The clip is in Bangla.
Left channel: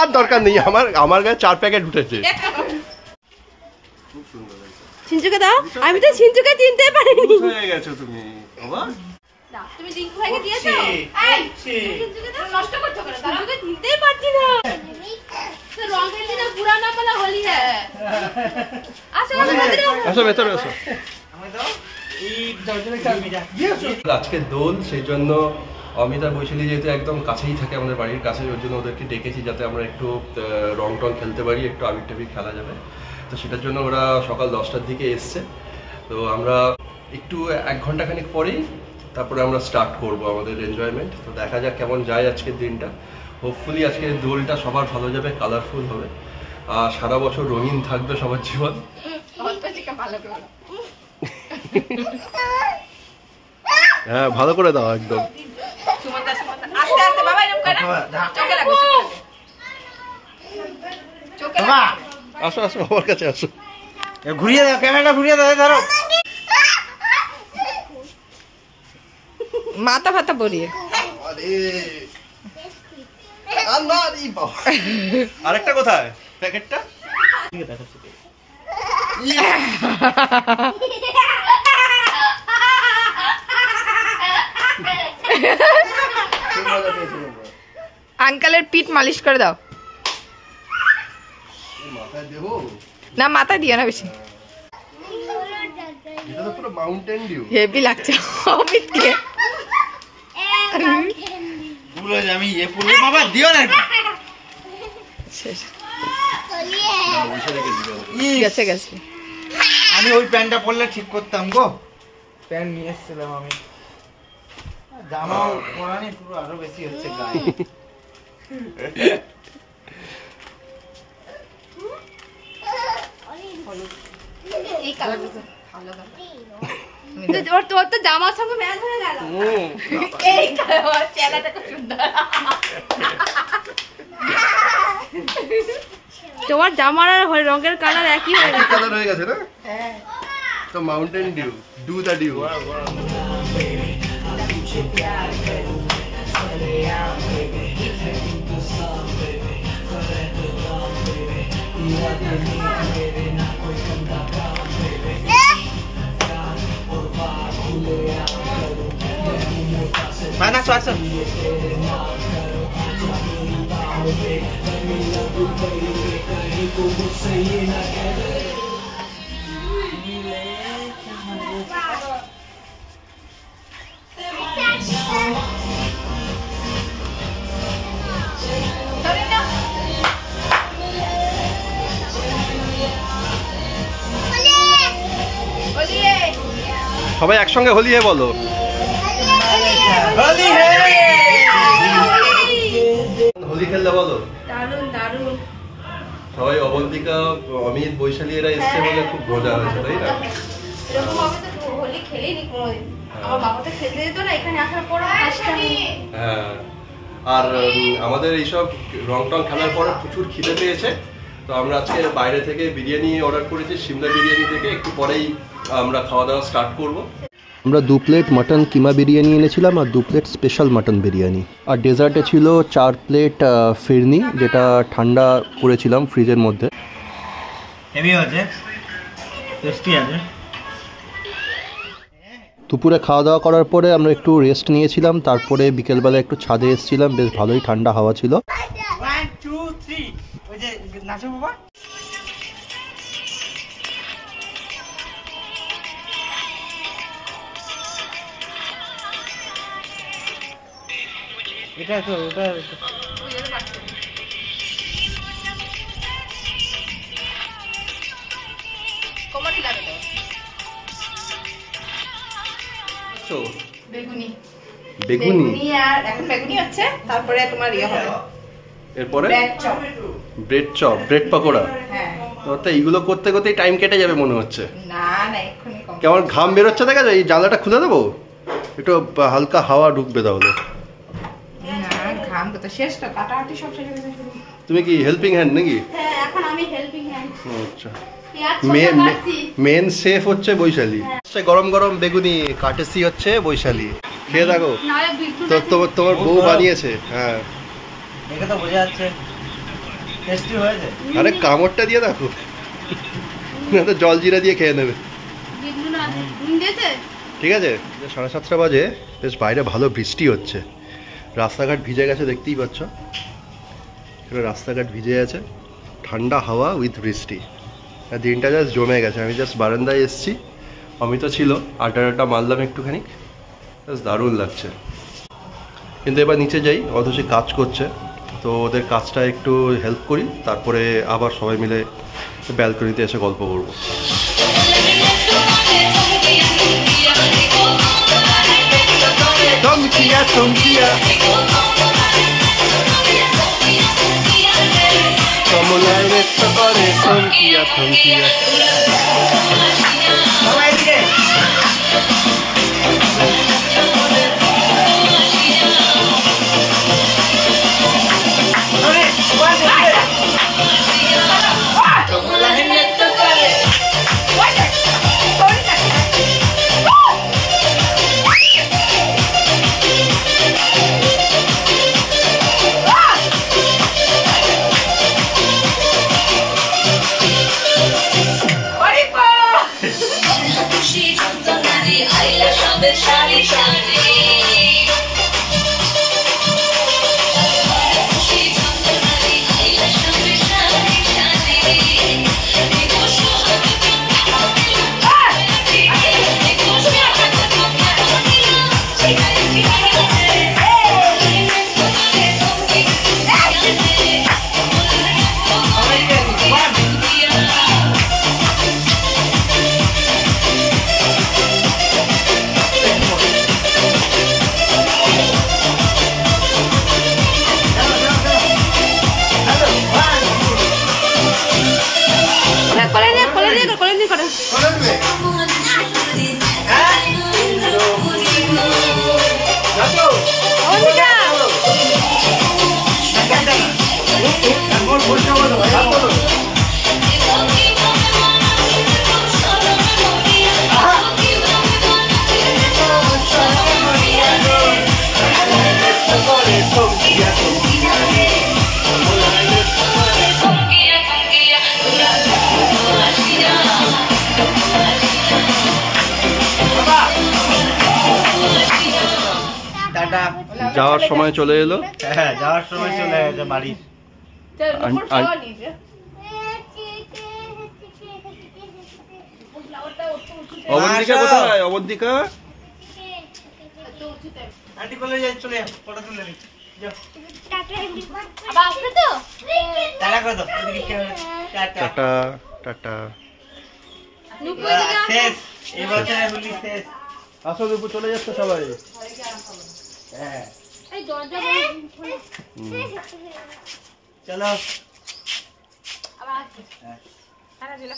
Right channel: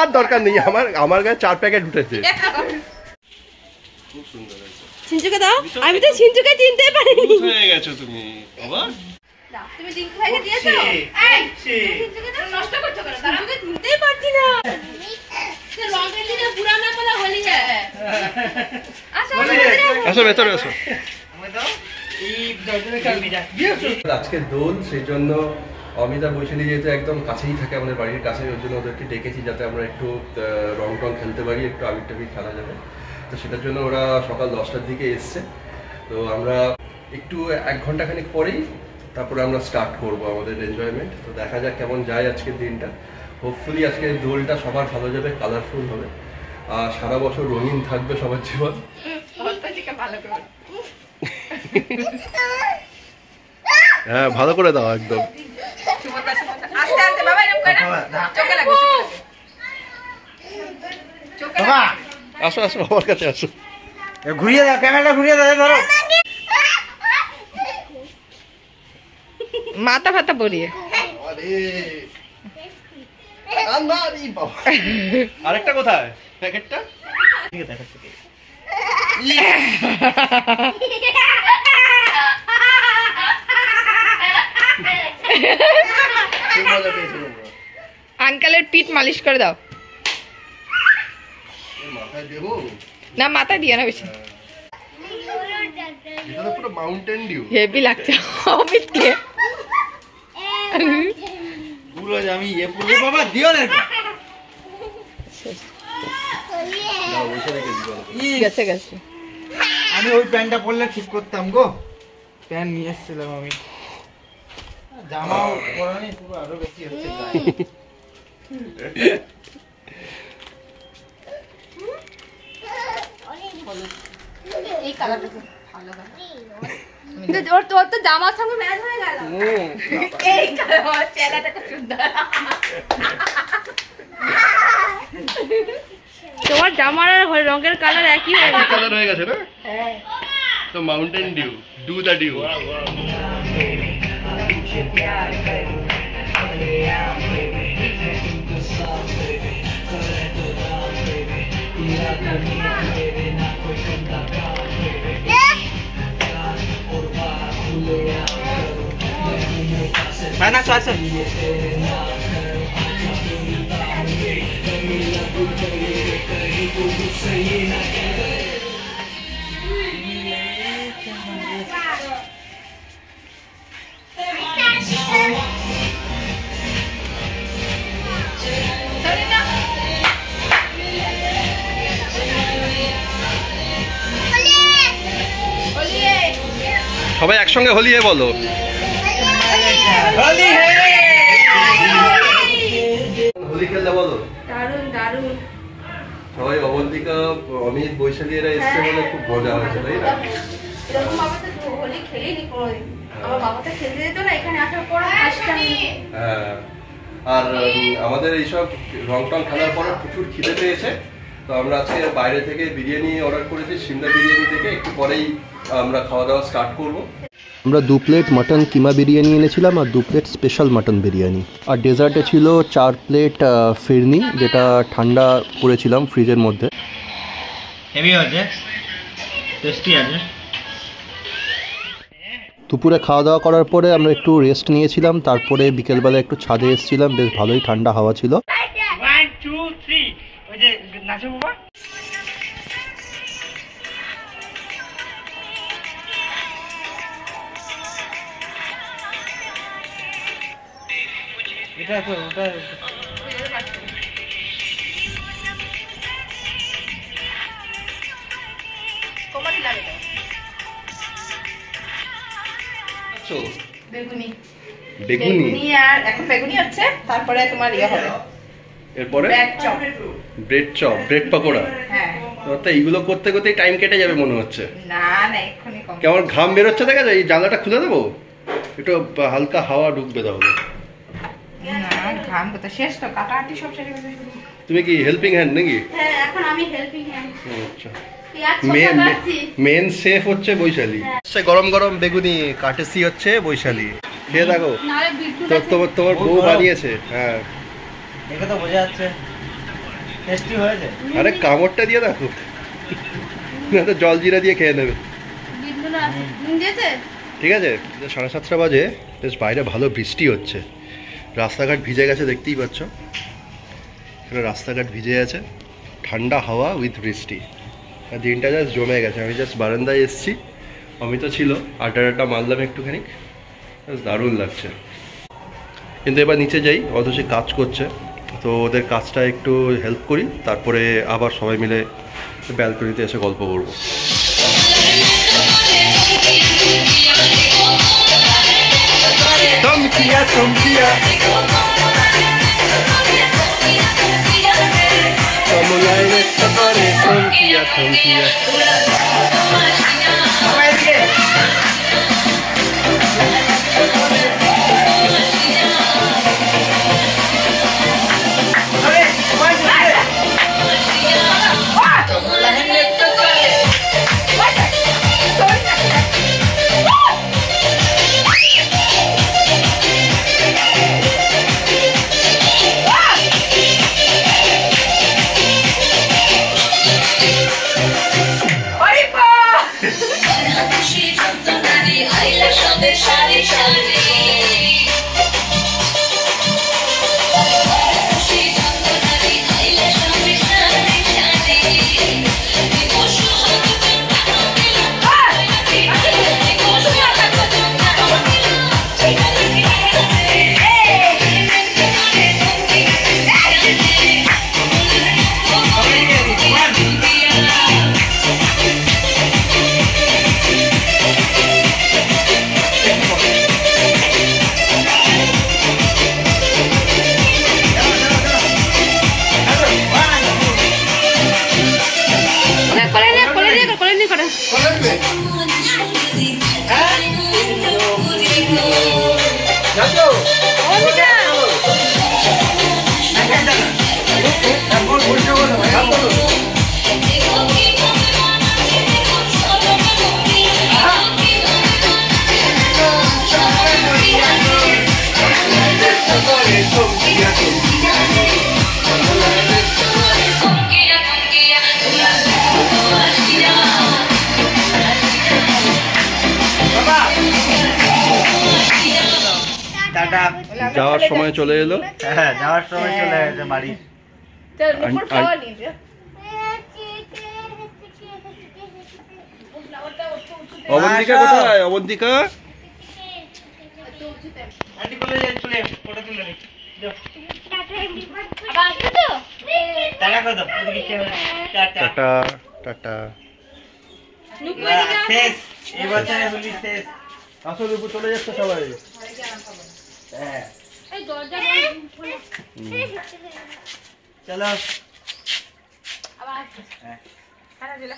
আর দরকার নেই, আমার গায়ে 4 প্যাকেট উঠেছে। খুব সুন্দর হয়েছে। চিনচুকে দাও, আমি তো চিনচুকে চিনতে পারিনি। হয়ে গেছো তুমি বাবা। দাও, তুমি ডিঙ্কু ভাইকে দিয়েছো? এই চিনচুকে দাও, নষ্ট করছো কেন? চিনচুকে চিনতেই পারছি না। সে রং খেলতে পুরা না পেলে হোলি হ্যাঁ। আসো আসো ভেতরে আসো। আমাকে দাও এই দরজাটা চাবি দাও। আজকে দোল, সেই জন্য অমিতা বৈশালী যেহেতু একদম কাছেই থাকে আমাদের বাড়ির কাছে, ওর জন্য ওদেরকে ডেকেছি যাতে আমরা একটু রং টং খেলতে পারি, একটু আবির টাবির খেলা যাবে। তো সেটার জন্য ওরা সকাল 10টার দিকে এসছে। তো আমরা একটু 1 ঘন্টা খানিক পরেই তারপরে আমরা স্টার্ট করব আমাদের এনজয়মেন্ট। তো দেখা যাক কেমন যায় আজকের দিনটা। হোপফুলি আজকের দোলটা সবার ভালো যাবে, কালারফুল হবে, আর সারা বছর রঙিন থাকবে সবার জীবন। হ্যাঁ ভালো করে দাও একদম। আসো আসো আমার কাছে আসো। ঘুরিয়ে দাও, ক্যামেরাটা ঘুরিয়ে দাও, ধরো। মাথা ফাতা পরিয়ে। আরেকটা কোথায় প্যাকেটটা? আঙ্কেলের পিঠ মালিশ করে দাও। মাথায় দেবো না, মাথা দিয়ে না বেশি। এটা তো পুরো মাউন্টেন ডিউ। হেভি লাগছে অমিতকে। পুরো আমি এ পুরো বাবা দিও না। গেছে গেছে। আমি ওই প্যান্টটা পরলে ঠিক করতাম গো। প্যান্ট নিয়ে এসেছিলাম আমি, জামা পরা নেই, পুরো আরো বেশি হচ্ছে গায়ে। এই কালারটা তোর তো জামার সঙ্গে ম্যাচ হয়ে গেল। এই কালার চেহারাটা খুব সুন্দর। তোমার জামার আর রঙের কালার একই হয়ে গেছে। কালার হয়ে গেছে না? হ্যাঁ। তো mountain dew, do the dew. না চল চল। সবাই একসঙ্গে হোলি হে বলো। হোলি হে। হোলি খেলতে বলো। দারুণ দারুণ। সবাই অবন্তিকা, অমিত, বৈশালী এরা এসছে বলে খুব মজা হয়েছে, তাই না? এরকম ভাবে তো হোলি খেলিনি কোনোদিন। আমার বাবা তো খেলতে যেত না, এখানে আসার পর আসতাম। হ্যাঁ, আর আমাদের এইসব রং টং খেলার পর প্রচুর খিদে পেয়েছে। তো আমরা আজকে বাইরে থেকে বিরিয়ানি অর্ডার করেছি, সিমলা বিরিয়ানি থেকে। একটু পরেই আমরা খাওয়া দাওয়া স্টার্ট করব। আমরা 2 প্লেট মাটন কিমা বিরিয়ানি এনেছিলাম আর 2 প্লেট স্পেশাল মাটন বিরিয়ানি। আর ডেজার্টে ছিল 4 প্লেট ফিরনি, যেটা ঠান্ডা করেছিলাম ফ্রিজের মধ্যে। হেভি আছে, টেস্টি আছে। দুপুরে খাওয়া দাওয়া করার পরে আমরা একটু রেস্ট নিয়েছিলাম, তারপরে বিকেলবেলা একটু ছাদে এসেছিলাম, বেশ ভালোই ঠান্ডা হাওয়া ছিল। 1 2 3 ওই যে নাচো বাবা। এটা তো ওটা বেগুনি বেগুনি আর এখন বেগুনি হচ্ছে, তারপরে তোমার ইয়ে হবে, এরপরে ব্রেড চপ, ব্রেড পকোড়া। হ্যাঁ, তো এইগুলো করতে করতেই টাইম কেটে যাবে মনে হচ্ছে। না না এক্ষুনি কম। কেমন ঘাম বেরোচ্ছে দেখা যায়। এই জানলাটা খুলে দেবো, একটু হালকা হাওয়া ঢুকবে তাহলে। না ঘাম তো শেষ, তো কাটাকাটি সব শেষ হয়ে গেছে। তুমি কি হেল্পিং হ্যান্ড নাকি? হ্যাঁ, এখন আমি হেল্পিং হ্যান্ড। আচ্ছা, মেন শেফ হচ্ছে বৈশালী। গরম গরম বেগুনি কাটেসি হচ্ছে বৈশালী, খেয়ে দেখো। তোমার বউ বানিয়েছে। হ্যাঁ দেখে তো বোঝা যাচ্ছে টেস্টি হয়েছে। আরে কামড়টা দিয়ে দেখো, না তো জল জিরা দিয়ে খেয়ে নেবে। ঠিক আছে, 7:30 বাজে, বেশ বাইরে ভালো বৃষ্টি হচ্ছে, রাস্তাঘাট ভিজে গেছে, দেখতেই পাচ্ছ এখানে রাস্তাঘাট ভিজে আছে, ঠান্ডা হাওয়া উইথ বৃষ্টি, দিনটা জাস্ট জমে গেছে। আমি জাস্ট বারান্দায় এসেছি, অমিতা ছিল, আড্ডা মারলাম একটুখানি, জাস্ট দারুণ লাগছে। কিন্তু এবার নিচে যাই, অথচ কাজ করছে, তো ওদের কাজটা একটু হেল্প করি, তারপরে আবার সবাই মিলে ব্যালকনিতে এসে গল্প করবো। Tomkia, Tomkia. Como la en esta pared, Tomkia, Tomkia. যাওয়ার সময় চলে এলো। হ্যাঁ, যাওয়ার সময় চলে এলো বাড়ি। অবন্তিকা কোথায়? অবন্তিকা আন্টি কোলে যাই, চলে ফটো তুলে নি। আবার আসবে তো? টাটা কত? Tata tata. নুপু এদিকে আসো। শেষ, এই বছরের হোলি শেষ। আসো নুপু, চলে যাচ্ছে সবাই। হ্যাঁ, এই দরজা চলো আবার আসবে। হ্যাঁ। খারাপ দিলা।